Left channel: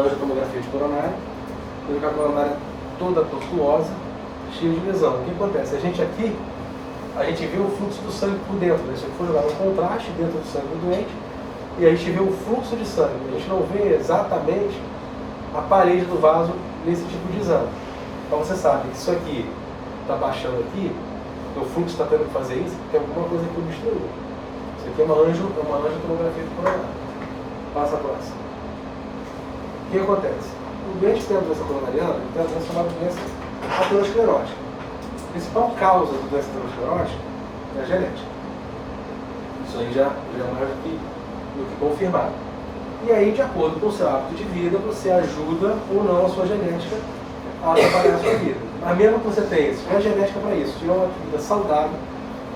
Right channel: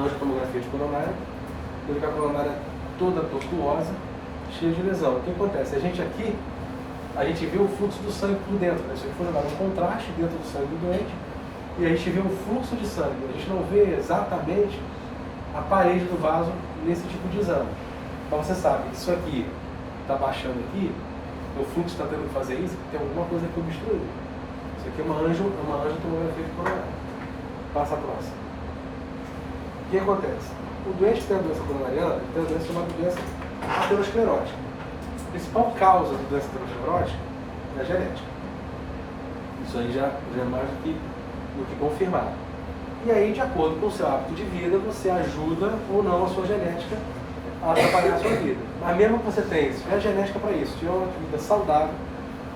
angiotomografia de coronária, ele vê a coronária toda tortuosa, cheia de lesão. O que acontece? A gente vê o fluxo do sangue por dentro, né? Se for jogar um contraste dentro do sangue do doente, e a gente vê o fluxo de sangue. A gente não vê exatamente a parede do vaso nesse tipo de exame. Então você sabe que isso aqui está baixando aqui, o fluxo está tendo que fazer isso, tem alguma coisa que obstruiu. Isso aqui é uma angiotomografia de coronária. Passa a próxima. O que acontece? O doente que tem a doença coronariana tem a doença chamada doença aterosclerótica. A principal causa da doença aterosclerótica é a genética. Isso aí já é mais do que confirmado. E aí, de acordo com o seu hábito de vida, você ajuda ou não a sua genética a trabalhar a sua vida. Mas mesmo que você tenha, se tiver genética para isso, se tiver uma vida saudável,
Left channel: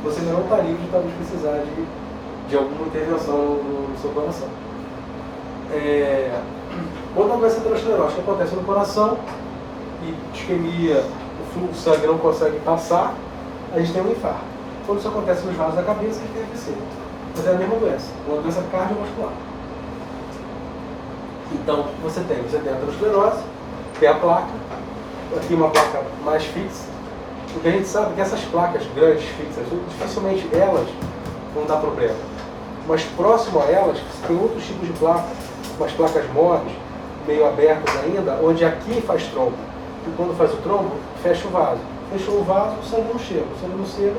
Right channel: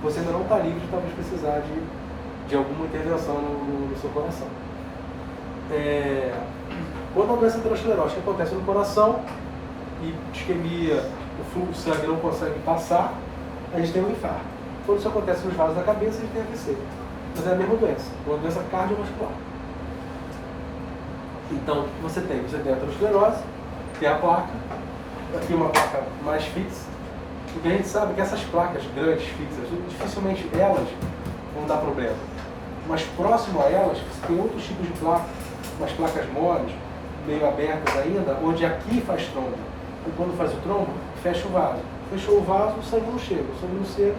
você ainda não está livre de talvez precisar de alguma intervenção no seu coração. Quando a doença aterosclerótica acontece no coração e isquemia, o fluxo de sangue não consegue passar, a gente tem um infarto. Quando isso acontece nos vasos da cabeça, a gente tem AVC. Mas é a mesma doença, uma doença cardiovascular. Então, o que você tem? Você tem a aterosclerose, tem a placa, aqui uma placa mais fixa. Porque a gente sabe que essas placas grandes, fixas, dificilmente elas vão dar problema. Mas próximo a elas, tem outros tipos de placas, umas placas moles, meio abertas ainda, onde aqui faz trombo. E quando faz o trombo, fecha o vaso. Fechou o vaso, o sangue não chega. O sangue não chega,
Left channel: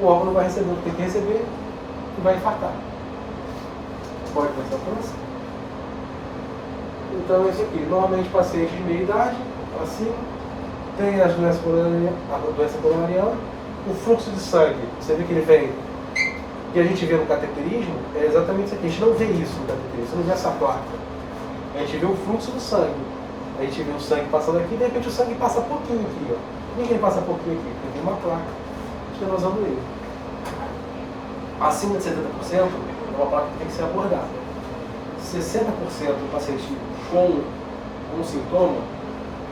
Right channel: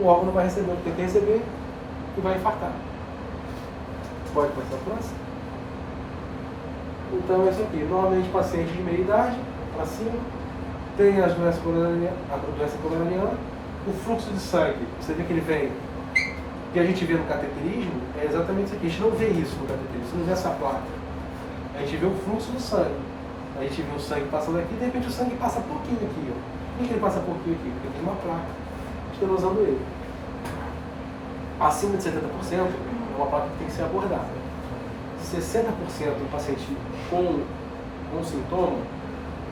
o órgão não vai receber o que tem que receber e vai infartar. Pode passar a próxima? Então, é isso aqui. Normalmente, pacientes de meia idade, acima, tem a doença coronariana. O fluxo de sangue, você vê que ele vem. O que a gente vê no cateterismo é exatamente isso aqui. A gente não vê isso no cateterismo, você não vê essa placa. A gente vê o fluxo do sangue. A gente vê o sangue passando aqui, de repente o sangue passa pouquinho aqui. Ó. Por que ele passa pouquinho aqui? Porque tem uma placa estenosando ele. Acima de 70% é uma placa que tem que ser abordada. 60% do paciente com um sintoma,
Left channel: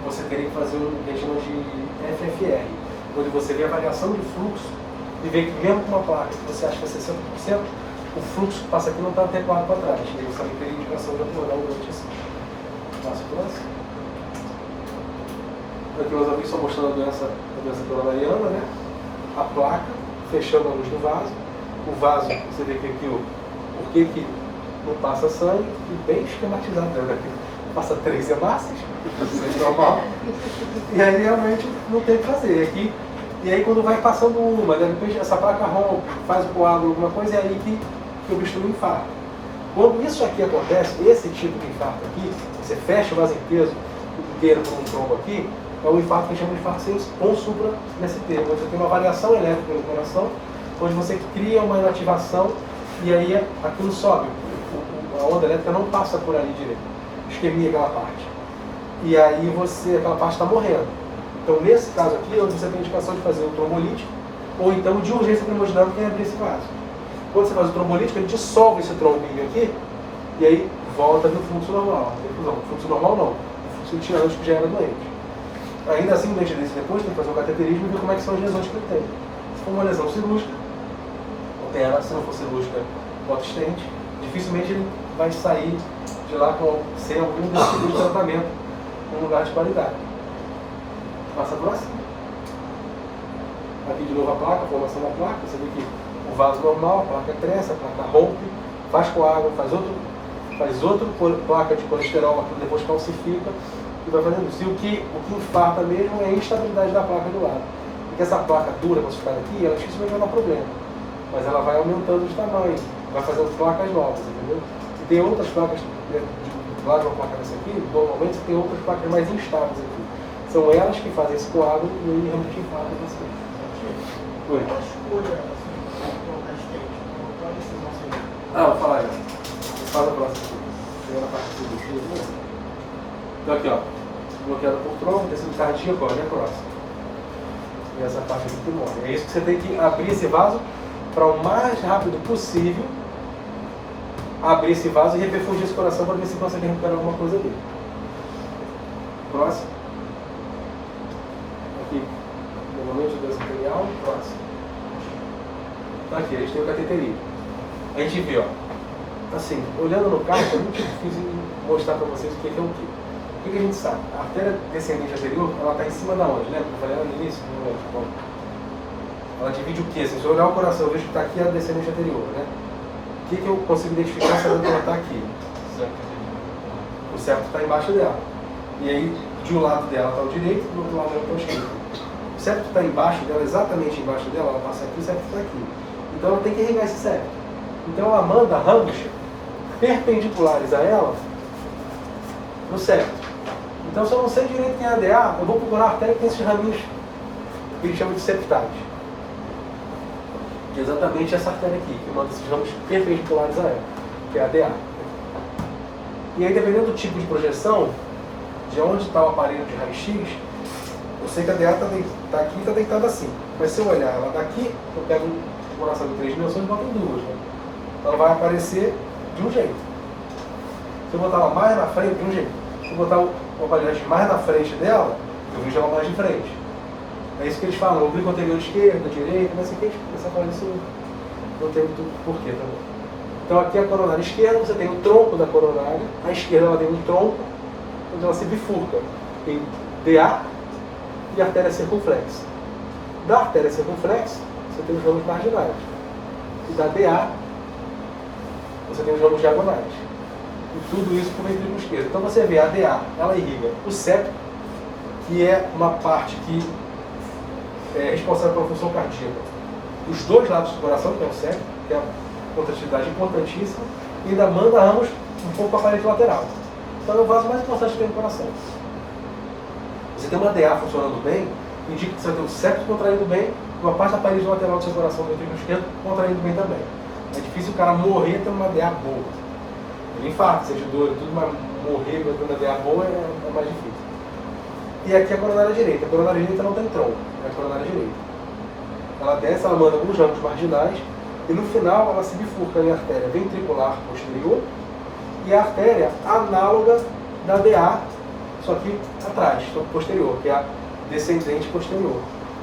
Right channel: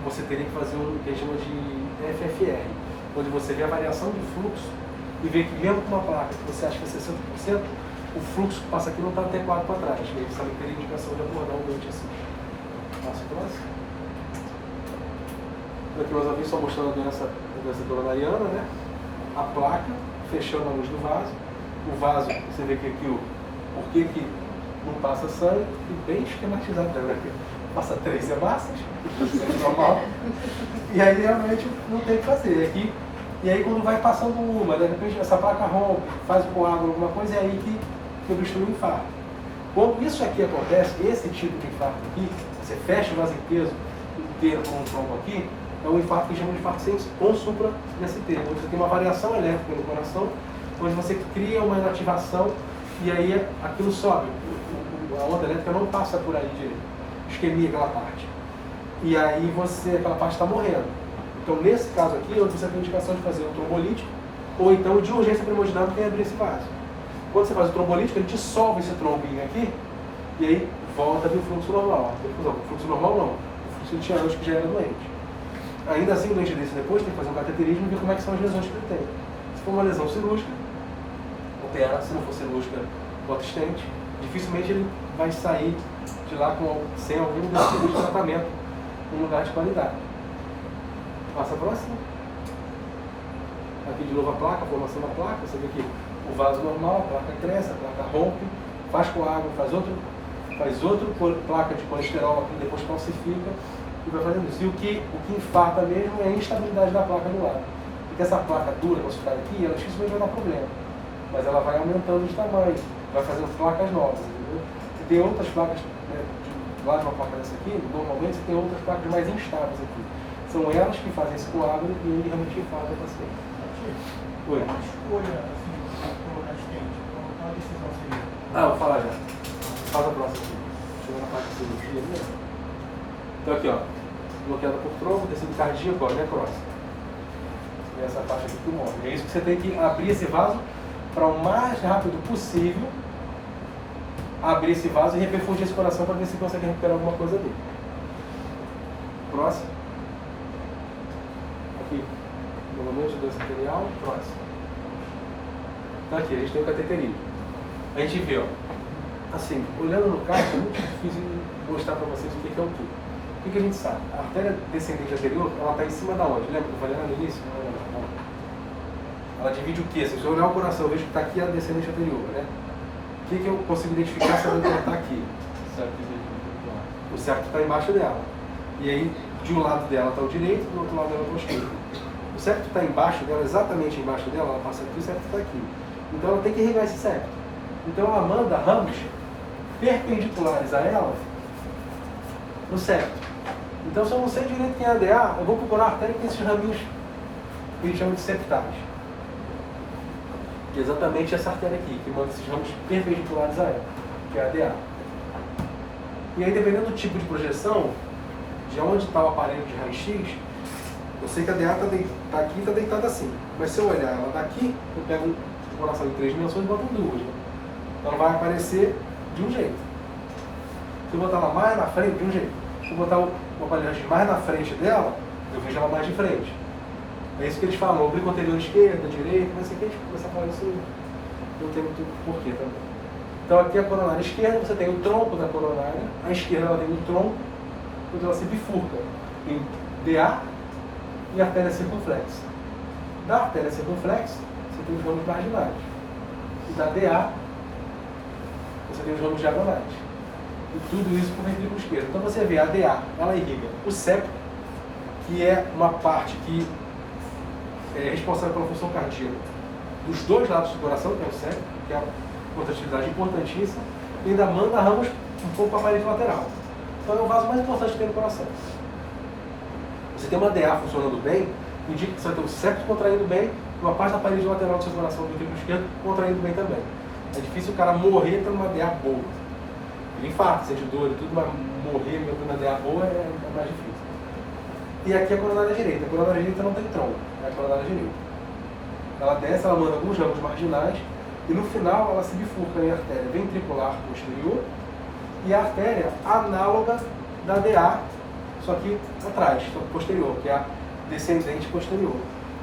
você teria que fazer o que a gente chama de FFR, onde você vê a variação de fluxo e vê que mesmo com uma placa que você acha que é 60%, o fluxo que passa aqui não está adequado para trás. E aí você não teria indicação de abordar o doente assim. Passo próximo. Aqui meus amigos estão mostrando a doença coronariana, né? A placa fechando a luz do vaso. O vaso, você vê que aqui por que não passa sangue, e bem esquematizado, né? Aqui passa 3 hemácias, é normal. E aí realmente não tem o que fazer. Aqui, e aí quando vai passando uma, de repente essa placa rompe, faz o coágulo, alguma coisa, é aí que obstrui o infarto. Quando isso aqui acontece, esse tipo de infarto aqui, você fecha o vaso inteiro por um trombo aqui, é um infarto que a gente chama de infarto simples com supra-MST, onde você tem uma variação elétrica no coração, onde você cria uma inativação e aí aquilo sobe. A onda elétrica não passa por ali direito, isquemia aquela parte. E aí aquela parte está morrendo. Então nesse caso aqui, onde você tem indicação de fazer um trombolítico, ou então de urgência primodinâmica e abrir esse vaso. Quando você faz o trombolítico, ele dissolve esse trombinho aqui, e aí volta no fluxo normal. O fluxo normal não, o fluxo que tinha antes que já era doente. Ainda assim, o doente desse depois tem que fazer um cateterismo e ver como é que são as lesões que ele tem. Se for uma lesão cirúrgica, opera. Se não for cirúrgica, bota estente. Dificilmente ele vai sair de lá sem algum desses tipos de tratamento em lugar de qualidade. Passa a próxima. Aqui de novo a placa, a formação da placa. Você vê que o vaso normal, a placa cresce, a placa rompe, faz coágulo, faz outro placa de colesterol, aquilo depois calcifica e vai fazendo isso. E o que infarta mesmo é a instabilidade da placa do lado. Porque essa placa dura, calcificada aqui, ela dificilmente vai dar problema. Mas ela vai aumentando de tamanho, vai fazendo placas novas, entendeu? E tem outras placas, do lado de uma placa dessa aqui, normalmente você tem outras placas mais instáveis aqui. São elas que fazem esse coágulo e realmente infartam o paciente. Oi. Vou falar já. Faz a próxima. Chegou na parte do cirurgia. Então aqui, ó. Bloqueada por trombo, tecido cardíaco, ó, necrose. E essa parte aqui que morre. É isso que você tem que abrir esse vaso para o mais rápido possível. Abrir esse vaso e reperfundir esse coração para ver se consegue recuperar alguma coisa dele. Próximo. Aqui. Normalmente doença arterial. Próximo. Então aqui, a gente tem o cateterismo. A gente vê, ó, assim, olhando no carro, é muito difícil mostrar para vocês o que é o quê. O que a gente sabe? A artéria descendente anterior, ela está em cima da onde? Lembra que eu falei lá no início? Não lembro, tá bom. Ela divide o quê? Se eu olhar o coração, eu vejo que está aqui a descendente anterior, né? O que eu consigo identificar sabendo que ela está aqui? O septo está embaixo dela. E aí, de um lado dela está o direito, do outro lado dela está o esquerdo. O septo está embaixo dela, exatamente embaixo dela, ela passa aqui, o septo está aqui. Então ela tem que irrigar esse septo. Então ela manda ramos perpendiculares a ela no septo. Então, se eu não sei direito quem é a DA, eu vou procurar a artéria que tem esses raminhos que eles chamam de septais. E é exatamente essa artéria aqui, que manda esses ramos perpendiculares a ela, que é a DA. E aí, dependendo do tipo de projeção, de onde está o aparelho de raio-x, eu sei que a DA está aqui e está deitada assim. Mas se eu olhar ela daqui, eu pego um coração de 3 dimensões e boto em 2. Né? Então ela vai aparecer de um jeito. Se eu botar ela mais na frente, de um jeito. Se eu botar o aparelho mais na frente dela, eu vejo ela mais de frente. É isso que eles falam, oblíquo anterior esquerda, direita, não sei o que, essa parte isso não tem muito porquê também. Então aqui a coronária esquerda, você tem o tronco da coronária, a esquerda ela tem um tronco, onde ela se bifurca em DA e artéria circunflexa. Da artéria circunflexa, você tem os ramos marginais. E da DA, você tem os ramos diagonais. E tudo isso por ventrículo esquerdo. Então você vê a DA, ela irriga o septo, que é uma parte que é responsável pela função cardíaca dos dois lados do coração, que é o septo, que é a contratividade importantíssima, e ainda manda ramos um pouco para a parede lateral. Então é o vaso mais importante que tem no coração. Você tem uma DA funcionando bem, indica que você tem o septo contraindo bem, uma parte da parede lateral do seu coração, do ventrículo esquerdo, contraindo bem também. É difícil o cara morrer tendo uma DA boa. Ele infarta, sente dor e tudo, mas morrer tendo uma DA boa é mais difícil. E aqui a coronária direita. A coronária direita não tem tronco, é a coronária direita. Ela desce, ela manda alguns ramos marginais, e no final ela se bifurca em artéria ventricular posterior e a artéria análoga da DA, só que atrás, posterior, que é a descendente posterior.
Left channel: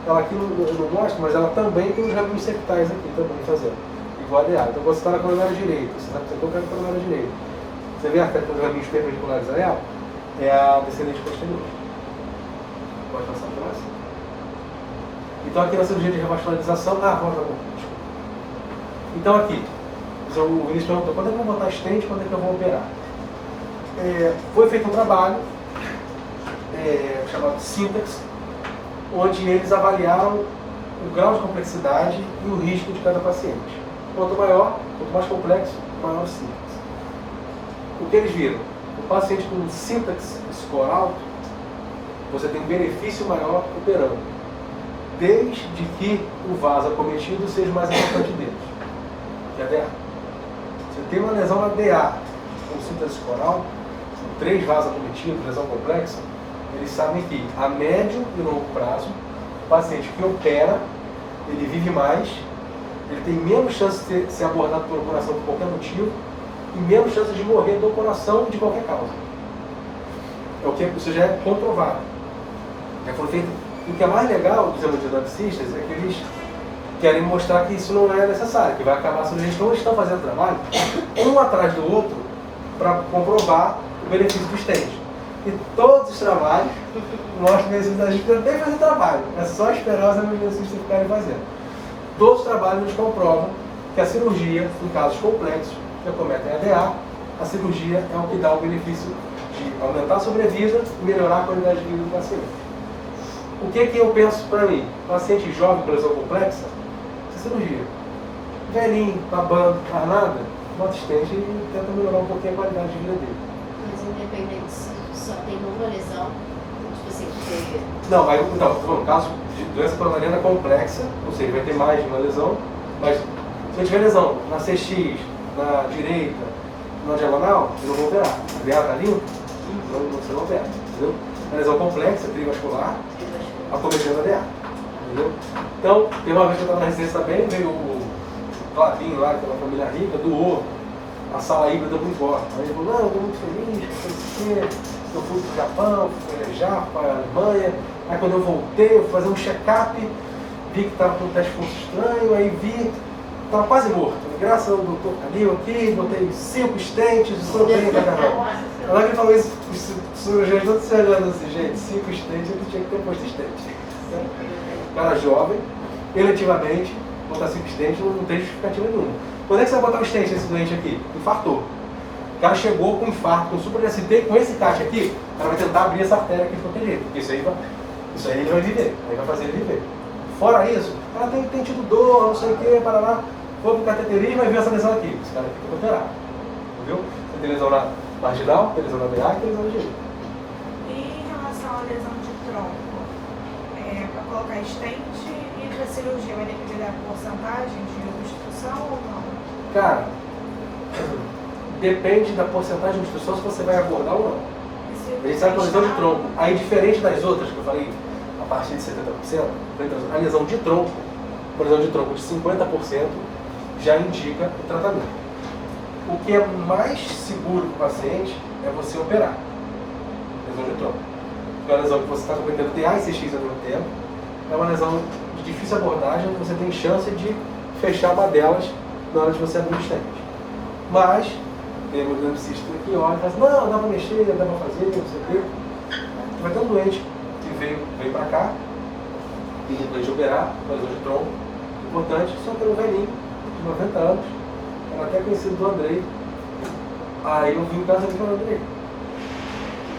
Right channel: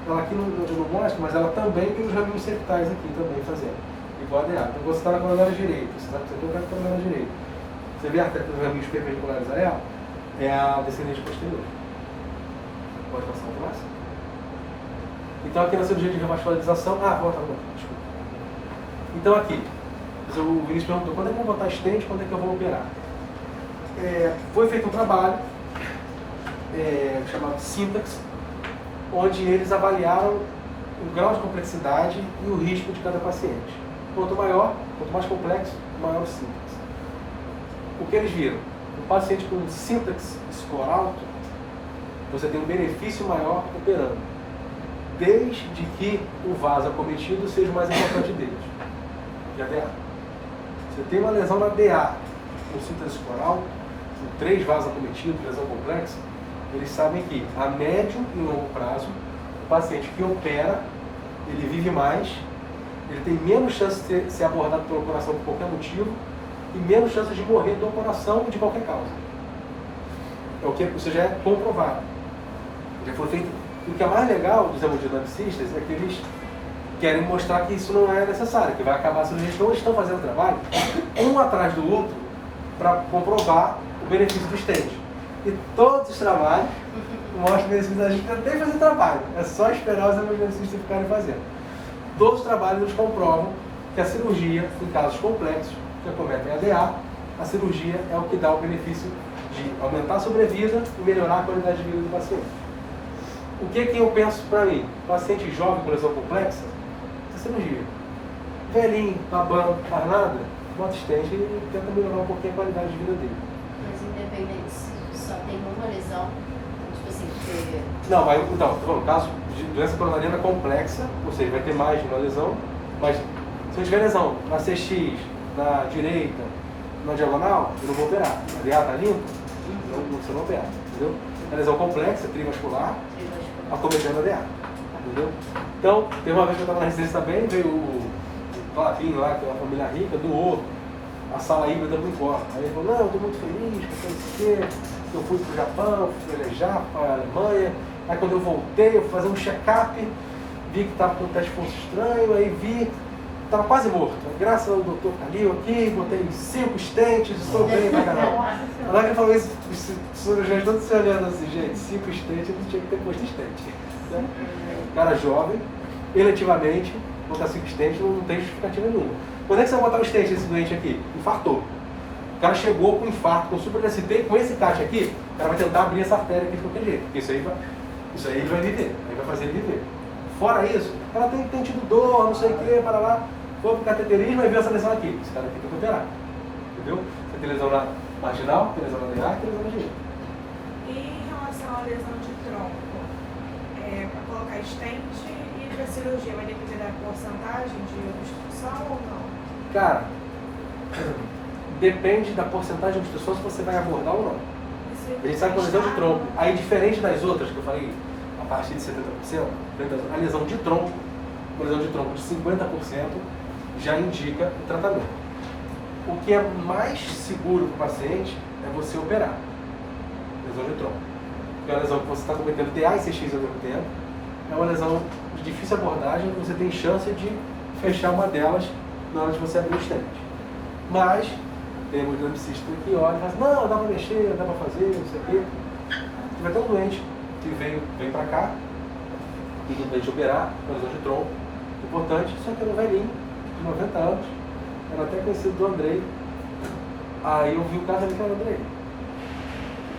Ela aqui não mostra, mas ela também tem os raminhos septais aqui também fazendo, igual a DA. Então você está na coronária direita, você sabe que você está na coronária direita. Você vê a artéria com os raminhos perpendiculares a ela, é a descendente posterior. Pode passar para nós? Então aqui na cirurgia de revascularização, desculpa. Então aqui, o Vinícius perguntou, quando é que eu vou botar stent, quando é que eu vou operar? Foi feito um trabalho chamado Syntax, onde eles avaliaram o grau de complexidade e o risco de cada paciente. Quanto maior, quanto mais complexo, maior o Syntax. O que eles viram? O paciente com Syntax score alto, você tem um benefício maior operando, desde que o vaso acometido seja o mais importante deles. Já DA. Você tem uma lesão na DA com Syntax score alto, 3 vasos acometidos, lesão complexa, eles sabem que a médio e longo prazo, o paciente que opera, ele vive mais, ele tem menos chance de ser abordado pelo coração por qualquer motivo e menos chance de morrer do coração de qualquer causa. É o que isso já é comprovado. Já foi feito. O que é mais legal dos hemodinamicistas é que eles querem mostrar que isso não é necessário, que vai acabar se eles não estão fazendo trabalho um atrás do outro para comprovar o benefício do stent. E todos os trabalhos mostram que a gente não tem que fazer trabalho, é só esperar os hemodinamicistas ficarem fazendo. Todos os trabalhos nos comprovam que a cirurgia, em casos complexos, que acometem a DA, a cirurgia é o que dá o benefício de aumentar a sobrevida e melhorar a qualidade de vida do paciente. O que eu penso para mim? Paciente jovem com lesão complexa, cirurgia. Velhinho, babando, faz nada, bota stent e tenta melhorar um pouquinho a qualidade de vida dele. Mas independente se só tem uma lesão, tipo assim, teve... Não, mas então, no caso de doença coronariana complexa, ou seja, vai ter mais de uma lesão, mas se eu tiver lesão na CX, na direita, na diagonal, eu não vou operar. A DA está limpa, você não opera, entendeu? É lesão complexa, trivascular, acometendo a DA, entendeu? Então, tem uma vez que eu estava na residência também, veio o Clavinho lá, que é uma família rica, doou a sala híbrida do importa. Aí ele falou, não, eu estou muito feliz, eu fui para o Japão, fui viajar para a Alemanha, aí quando eu voltei, eu fui fazer um check-up, vi que estava com um teste de pulso estranho, aí vi Estava quase morto. Graças ao doutor Calil aqui, botei 5 estentes, estou bem pra caramba. Na hora que ele falou isso, os cirurgiões todos se olhando assim, gente, 5 estentes, eu não tinha que ter posto estente. Cara jovem, eletivamente, botar 5 estentes não tem justificativa nenhuma. Quando é que você vai botar o estente nesse doente aqui? Infartou. O cara chegou com infarto, com super DST, com esse encaixe aqui, o cara vai tentar abrir essa artéria aqui de qualquer jeito. Isso aí ele vai viver, aí vai fazer ele viver. Fora isso, o cara tem tido dor, não sei o que, para lá, foi pro cateterismo e viu essa lesão aqui. Esse cara aqui tem que operar. Viu? Você tem lesão na marginal, tem lesão na DA e tem lesão na direita. E em relação à lesão de tronco, para colocar estente e para cirurgia, vai depender da porcentagem de obstrução ou não? Cara, depende da porcentagem de obstrução se você vai abordar ou não. A gente sabe que a lesão de tronco, aí diferente das outras que eu falei, a partir de 70%, a lesão de tronco, uma lesão de tronco de 50% já indica o tratamento. O que é mais seguro para o paciente é você operar. Lesão de tronco. É uma lesão que você está cometendo TA e CX ao mesmo tempo. É uma lesão de difícil abordagem, você tem chance de fechar uma delas na hora de você abrir o estente. Mas, tem um neurocista que olha e fala assim, não, dá para mexer, dá para fazer, não sei o quê. Vai ter um doente que veio para cá, pedindo para a gente operar, uma lesão de tronco, importante, só que era um velhinho, de 90 anos, era até conhecido do Andrei. Aí eu vi o caso dele com o Andrei.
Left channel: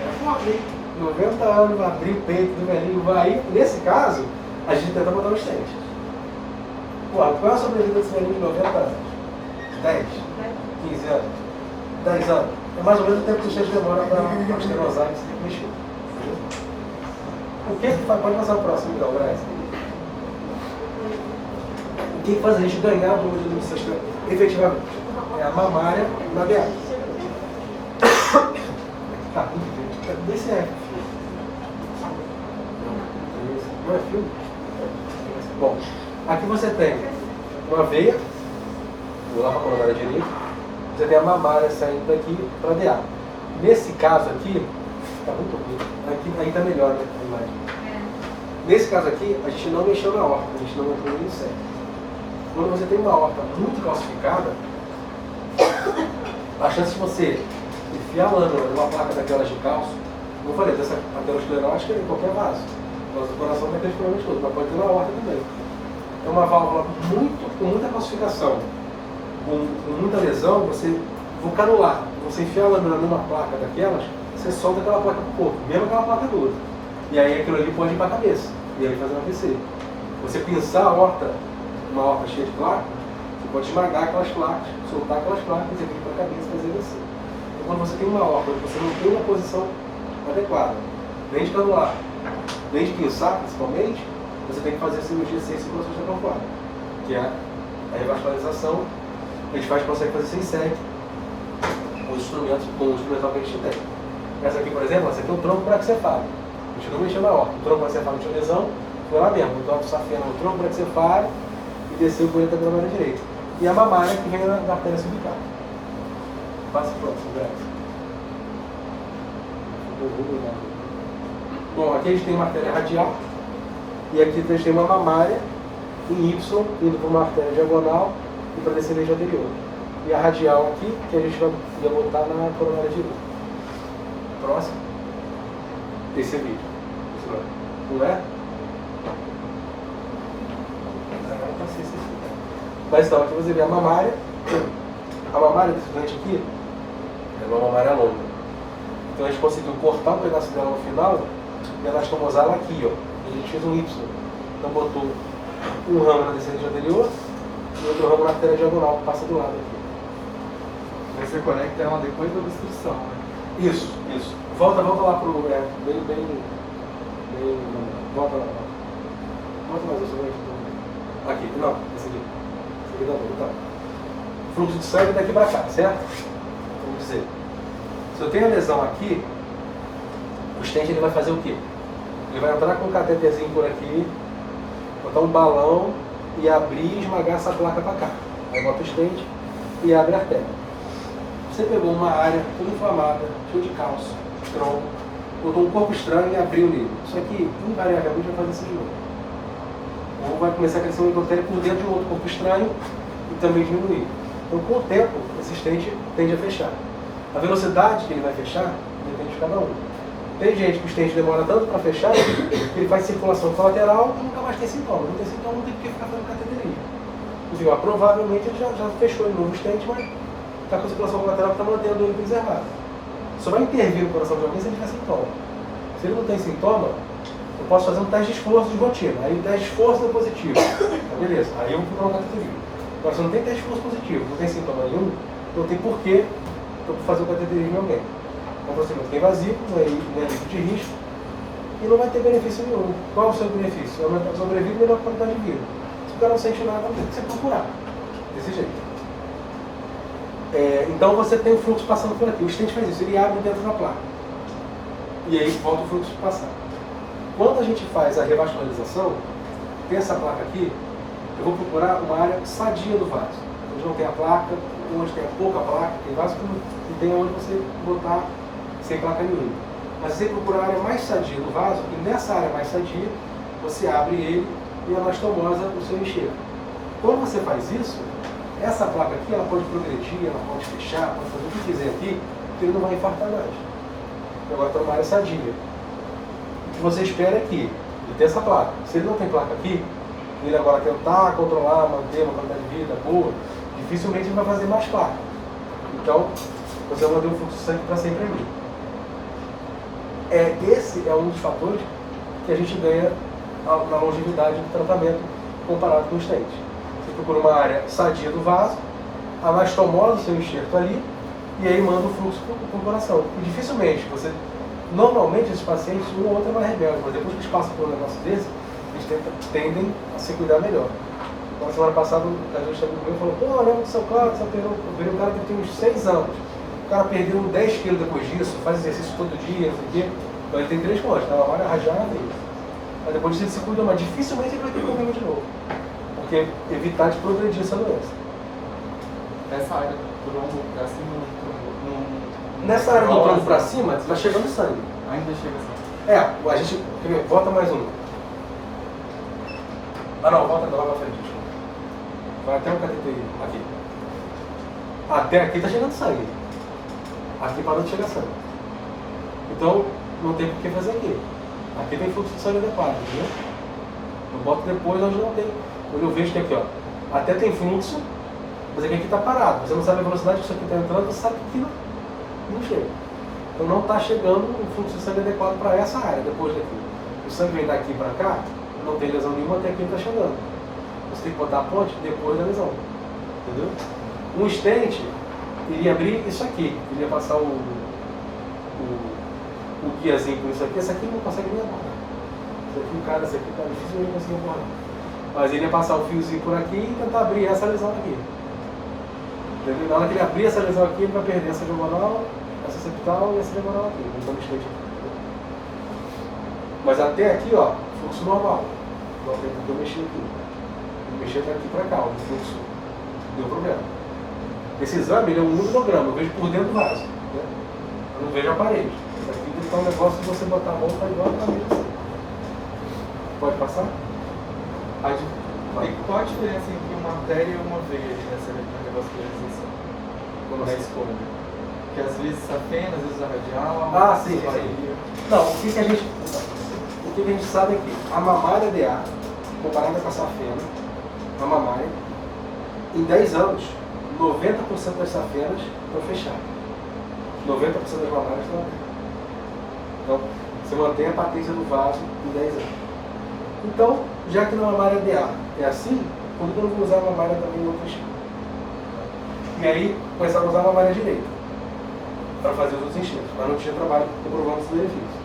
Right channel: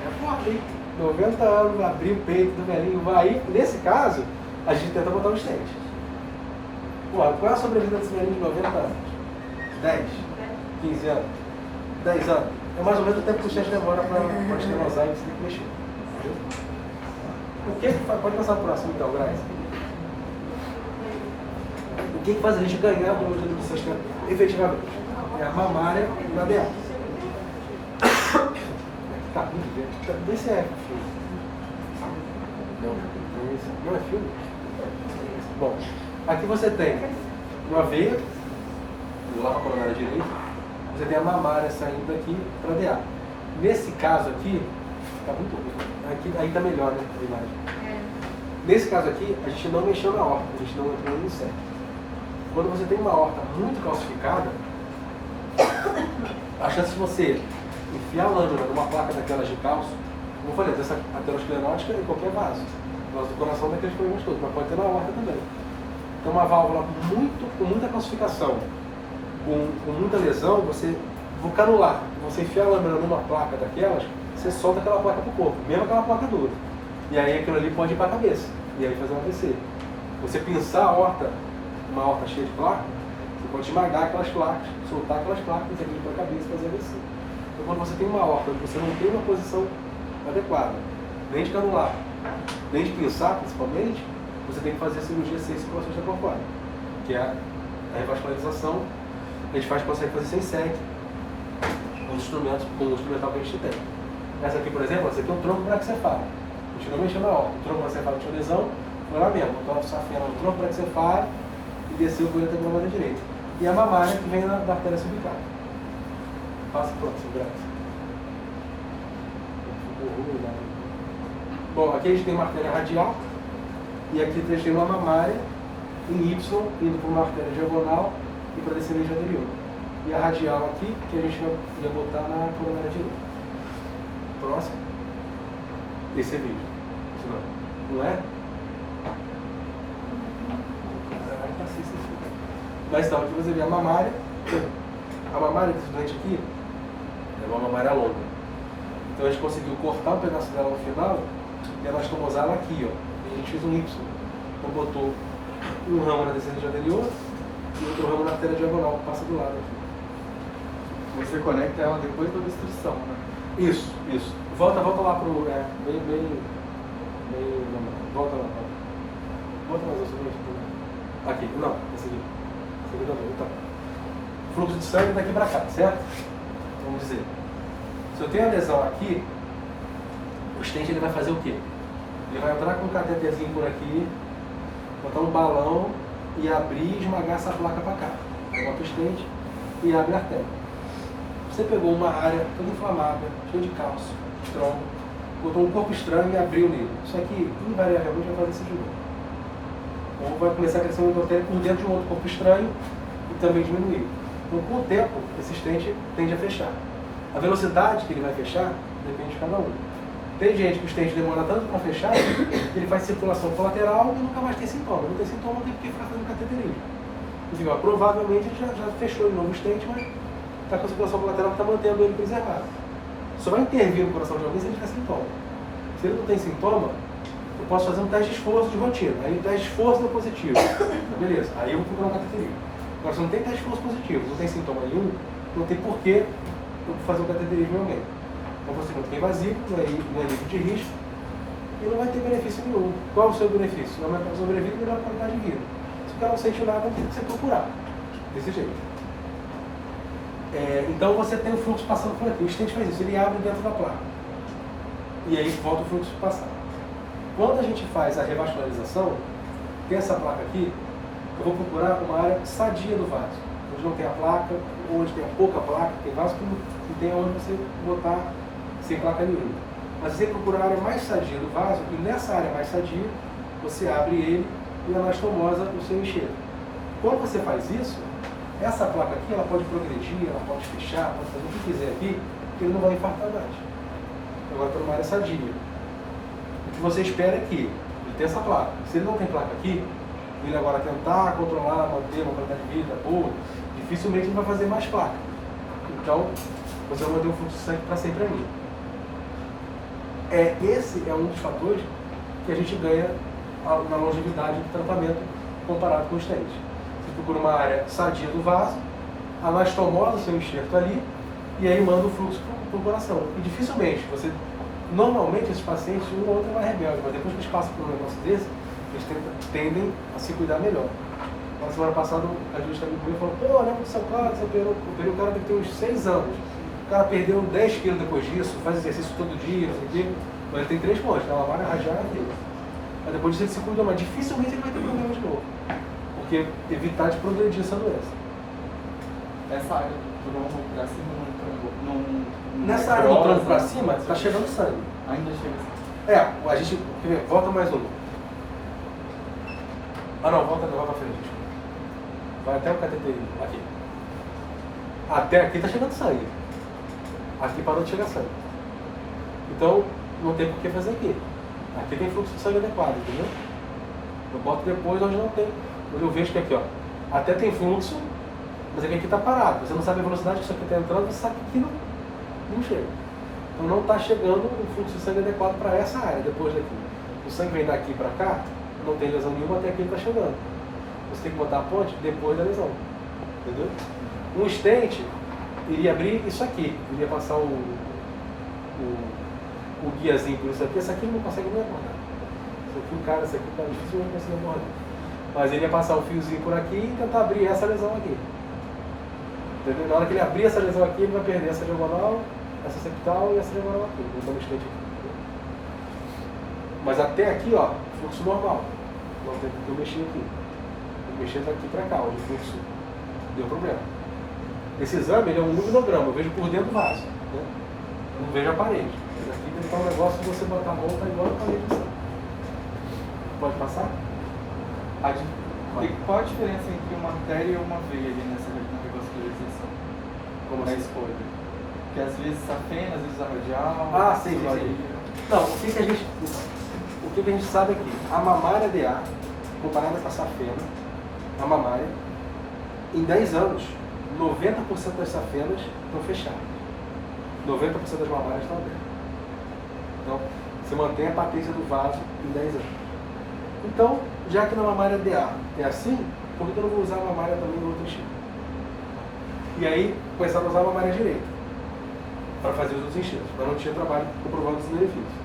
Era forte, 90 anos, abrir o peito do velhinho, vai. Nesse caso, a gente tenta botar os dentes. Pô, qual é a sobrevida desse velhinho de 90 anos? 10, 15 anos, 10 anos. É mais ou menos o tempo que o dente demora para estenosar e se mexer. O que faz? Pode passar o próximo, então, Braz. O que faz a gente ganhar a mordida do sistema efetivamente? É a mamária na BA. Tá, gente. Cadê esse é? Não é filme? Bom, aqui você tem uma veia, do lado coronária direito, você tem a mamária saindo daqui para DA. Nesse caso aqui, tá muito ruim. Aqui ainda melhor, né? A imagem. Nesse caso aqui, a gente não mexeu na horta, a gente não entrou no inseto. Quando você tem uma horta muito calcificada, a chance de você enfiar a lâmina numa placa daquelas de cálcio, como eu falei, dessa aterosclerótica em qualquer vaso. O vaso do coração tem aqueles problemas todos, mas pode ter na horta também. Então uma válvula com muita calcificação, com muita lesão, você canular, você enfiar a lâmina numa placa daquelas, você solta aquela placa pro corpo, mesmo aquela placa dura. E aí aquilo ali pode ir para a cabeça, e aí fazer um AVC. Você pinçar a horta, uma horta cheia de placas, você pode esmagar aquelas placas, soltar aquelas placas e vir para a cabeça e fazer AVC. Então quando você tem uma horta onde você não tem uma posição adequada, nem de canular, nem de pinçar principalmente, você tem que fazer cirurgia sem circulação extracorpórea, que é a revascularização. A gente consegue fazer sem SEC, com os instrumentos, com o instrumental que a gente tem. Essa aqui, por exemplo, essa aqui é um tronco braquicefálico. A gente não mexeu na horta. O tronco braquicefálico tinha lesão, foi lá mesmo. Botou a safena no tronco braquicefálico e desceu por dentro da mamária direita. E a mamária que vem da artéria cervical. Passa o próximo, graças. Bom, aqui a gente tem uma artéria radial. E aqui a gente tem uma mamária em Y, indo para uma artéria diagonal e para descer a região anterior. E a radial aqui, que a gente vai botar na coronária direita. Próximo. Esse vídeo. Não é? Não. Mas então, aqui você vê a mamária. A mamária desse doente aqui é uma mamária longa. Então a gente conseguiu cortar um pedaço dela no final e anastomosar ela aqui, ó. E a gente fez um Y. Então botou um ramo na descendente anterior e outro ramo na artéria diagonal que passa do lado aqui. Aí você conecta ela depois da obstrução, né? Isso. Volta lá pro. Volta lá. Volta mais isso aqui. Não, esse aqui. Esse aqui também. Então. Fluxo de sangue daqui para cá, certo? Vamos dizer. Se eu tenho a lesão aqui, o stent ele vai fazer o quê? Ele vai entrar com um cateterzinho por aqui, botar um balão e abrir e esmagar essa placa para cá. Aí bota o stent e abre a artéria. Você pegou uma área toda inflamada, cheia de cálcio, tronco, botou um corpo estranho e abriu nele. Isso aqui, invariavelmente, vai fazer isso de novo. Ou vai começar a crescer um endotélio por dentro de um outro corpo estranho e também diminuir. Então, com o tempo, esse stent tende a fechar. A velocidade que ele vai fechar depende de cada um. Tem gente que o stent demora tanto para fechar, que ele faz circulação colateral e nunca mais tem sintoma. Não tem sintoma, não tem porque ficar fazendo cateterismo. Enfim, ó, provavelmente ele já fechou de novo o stent, mas está com circulação colateral que está mantendo ele preservado. Só vai intervir no coração de alguém se ele tiver sintoma. Se ele não tem sintoma, eu posso fazer um teste de esforço de rotina. Aí o teste de esforço é positivo. Então, beleza, aí eu vou procurar um cateterismo. Agora, se não tem teste de esforço positivo, não tem sintoma nenhum, não tem porquê eu fazer um cateterismo em alguém. É um procedimento que é invasivo, não é livre de risco e não vai ter benefício nenhum. Qual é o seu benefício? Aumentar a sobrevida e melhor qualidade de vida. Se o cara não sente nada, não tem que ser procurar. Desse jeito. Então você tem o fluxo passando por aqui. O stent faz isso, ele abre dentro da placa. E aí volta o fluxo passar. Quando a gente faz a revascularização, tem essa placa aqui, eu vou procurar uma área sadia do vaso. Onde não tem a placa, onde tem pouca placa, tem vaso e tem onde você botar sem placa nenhuma. Mas você tem que procurar a área mais sadia do vaso, e nessa área mais sadia, você abre ele e anastomosa o seu enxerto. Quando você faz isso, essa placa aqui, ela pode progredir, ela pode fechar, pode fazer o que quiser aqui, que ele não vai infartar mais. Agora está numa área sadia. O que você espera é que ele tenha essa placa. Se ele não tem placa aqui, ele agora tentar controlar, manter uma qualidade de vida boa, dificilmente ele vai fazer mais placa. Então, você vai manter um fluxo de sangue para sempre ali. Esse é um dos fatores que a gente ganha na longevidade do tratamento comparado com o stent. Você procura uma área sadia do vaso, anastomosa o seu enxerto ali, e aí manda o fluxo para o coração. E dificilmente, normalmente esses pacientes, um ou outro é mais rebelde, mas depois que eles passam por um negócio desse, eles tendem a se cuidar melhor. Na semana passada, a gente também comigo falou, pô, lembra do seu Cláudio, o cara deve ter uns 6 anos. O cara perdeu 10 quilos depois disso, faz exercício todo dia, não sei o quê. Então ele tem 3 pontos, tá uma hora radiada e mas depois disso ele se cuida, mas dificilmente ele vai ter problema de novo. Porque evitar de progredir essa doença. Essa área do tronco pra cima Nessa área do tronco pra cima, está chegando sangue. Ainda chega sangue. A gente. Volta mais um. Não, volta não, vai pra frente. Vai até um cateterismo. Aqui. Até aqui está chegando sangue. Aqui parou de chegar sangue. Então, não tem por que fazer aqui. Aqui tem fluxo de sangue adequado, entendeu? Eu boto depois onde não tem. Quando eu vejo que aqui, ó, até tem fluxo, mas aqui está parado. Você não sabe a velocidade que isso aqui está entrando, você sabe que aqui não chega. Então não está chegando o fluxo de sangue adequado para essa área, depois daqui. O sangue vem daqui para cá, não tem lesão nenhuma, até aqui ele está chegando. Você tem que botar a ponte depois da lesão. Entendeu? Um stent iria abrir isso aqui, iria passar o guiazinho por isso aqui, esse aqui ele não consegue nem abordar. Esse aqui, o cara, esse aqui está difícil, ele não consegue abordar. Mas ele ia passar o fiozinho por aqui e tentar abrir essa lesão aqui. Entendeu? Na hora que ele abrir essa lesão aqui, ele vai perder essa diagonal, essa septal e essa diagonal aqui. Então, stent aqui. Mas até aqui, ó, fluxo normal. Não tem porque eu mexer aqui. Eu mexer daqui para cá, o fluxo deu problema. Esse exame ele é um luminograma, eu vejo por dentro do vaso. Né? Eu não vejo a parede. Aqui tem que estar um negócio de você botar a mão para igual a parede assim. Pode passar? Qual a diferença entre uma artéria e uma veia ali nessa revascularização? Como na assim? escolha? Porque às vezes a fena, às vezes a radial. Sim. Não, o que a gente sabe é que a mamária DA, comparada com a safena, a mamária, em 10 anos, 90% das safenas estão fechadas. 90% das mamárias estão abertas. Então, você mantém a patência do vaso em 10 anos. Então, já que na mamária DA é assim, por que eu não vou usar a mamária também no outro tipo? E aí, começar a usar a mamária direita para fazer os outros enxertos, mas não tinha trabalho comprovando esse benefício.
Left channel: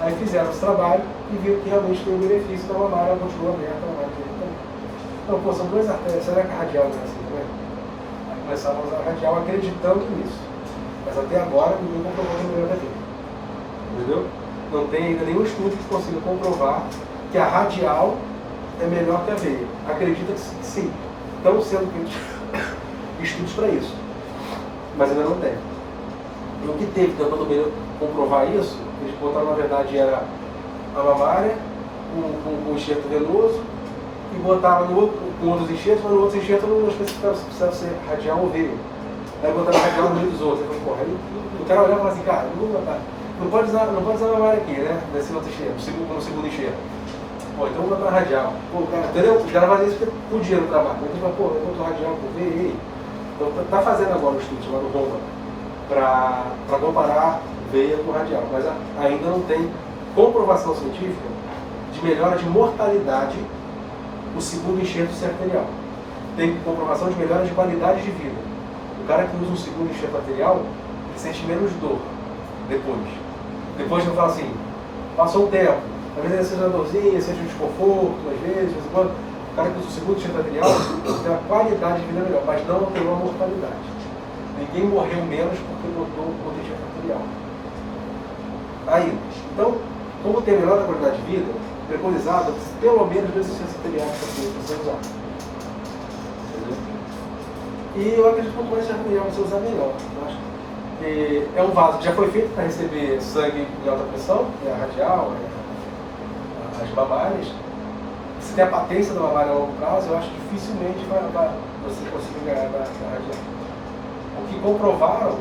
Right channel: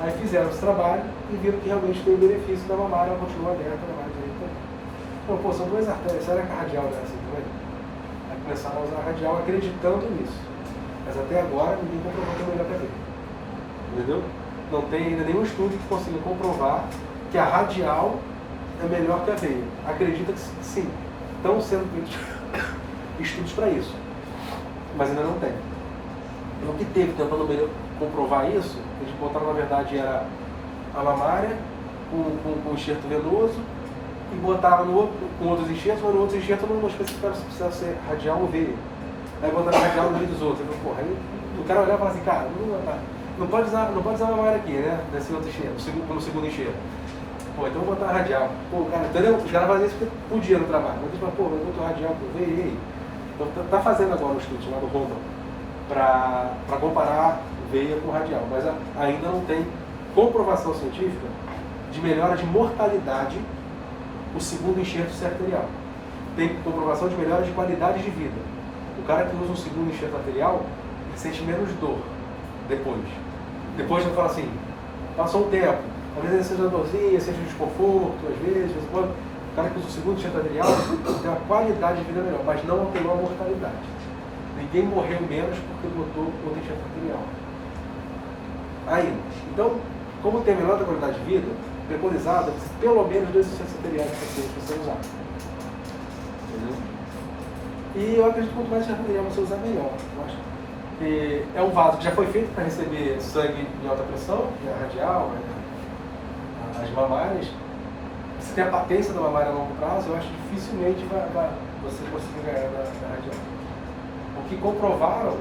Aí fizeram esse trabalho e viram que realmente tem o benefício da mamária, ela continua aberta, a mamária direita também. Então, pô, são duas artérias, será que a radial não é assim também? Aí começaram a usar a radial acreditando nisso. Mas até agora ninguém comprovou que é melhor que a veia. Entendeu? Não tem ainda nenhum estudo que consiga comprovar que a radial é melhor que a veia. Acredita que sim. Estão sendo feitos estudos para isso. Mas ainda não tem. E o que teve tentando comprovar isso, eles botaram na verdade era a mamária, com enxerto venoso e botaram com outros enxertos, mas no outro enxerto não especificaram se precisava ser radial ou veia. Aí botaram radial no meio dos outros. Eu falei, porra, aí o cara olhava e falava assim, cara, não pode usar a mamária aqui, né? Nesse outro enxerto, no segundo enxerto. Pô, então vou botar radial. Pô, cara, entendeu? Os caras faziam isso porque podia no trabalho. Então, tipo, pô, eu boto radial com veia. Então tá fazendo agora um estudo chamado ROMA para comparar veia com radial, mas ainda não tem comprovação científica de melhora de mortalidade o segundo enxerto arterial. Tem comprovação de melhora de qualidade de vida. O cara que usa um segundo enxerto arterial, ele sente menos dor depois. Depois ele fala assim, passou um tempo, às vezes ele sente uma dorzinha, sente um desconforto, às vezes, o cara que usa o segundo enxerto arterial tem a qualidade de vida melhor, mas não alterou a mortalidade. Ninguém morreu menos porque botou o enxerto arterial. Ainda. Então, como tem melhor da qualidade de vida, preconizado pelo menos 2 enxertos arteriais para você usar. Entendeu? E eu acredito que quanto mais enxerto arterial você usar, melhor. Eu acho que é um vaso que já foi feito para receber sangue em alta pressão, que é a radial, as mamárias. Se tem a patência da mamária a longo prazo, eu acho que dificilmente você conseguir ganhar da radial. O que comprovaram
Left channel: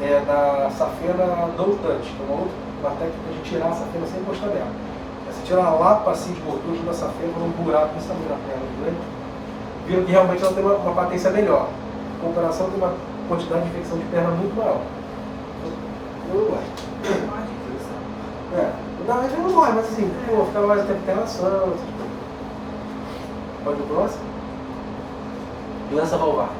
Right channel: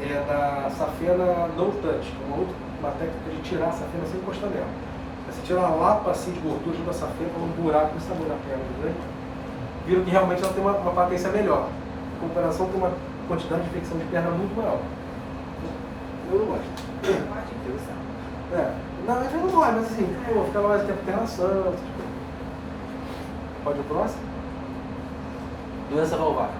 é da safena no touch, que é uma técnica de tirar a safena sem encostar nela. Você tira a lapa assim de gordura da safena com um buraco nesse tamanho na perna de dentro, viram que realmente ela tem uma patência melhor. Em comparação, tem uma quantidade de infecção de perna muito maior. Eu não gosto. Não, a gente não morre, mas assim, pô, ficava mais tempo internação. Pode ir pro próximo? Doença valvar.